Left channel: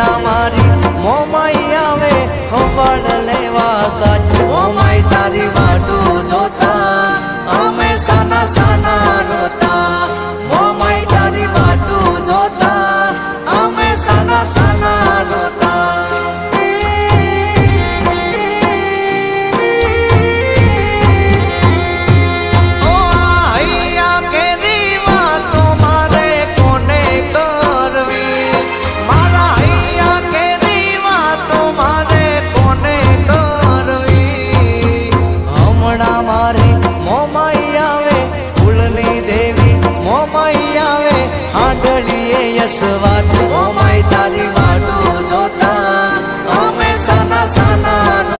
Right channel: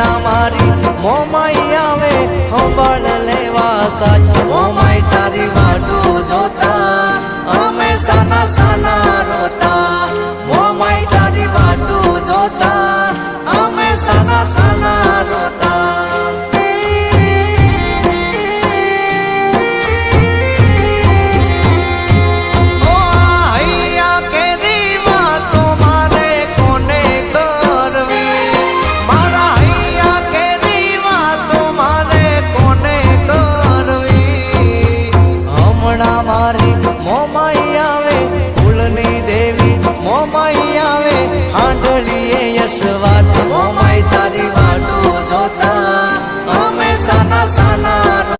હમણાં મારી મોમાઈ આવે હોબળ લેવા કાચ મોમાઈ તારી વાટું જોતા અમે સાના સાના રોતા મોમાઈ તારી વાટું જોતા અમે સાના સાના રોતા મારી મોમાઈ આવે ફૂલની દેવી મોમાઈ આવે આંધળીએ યશવાદ મોમાઈ તારી વાટું જોતા અમે સાના સાના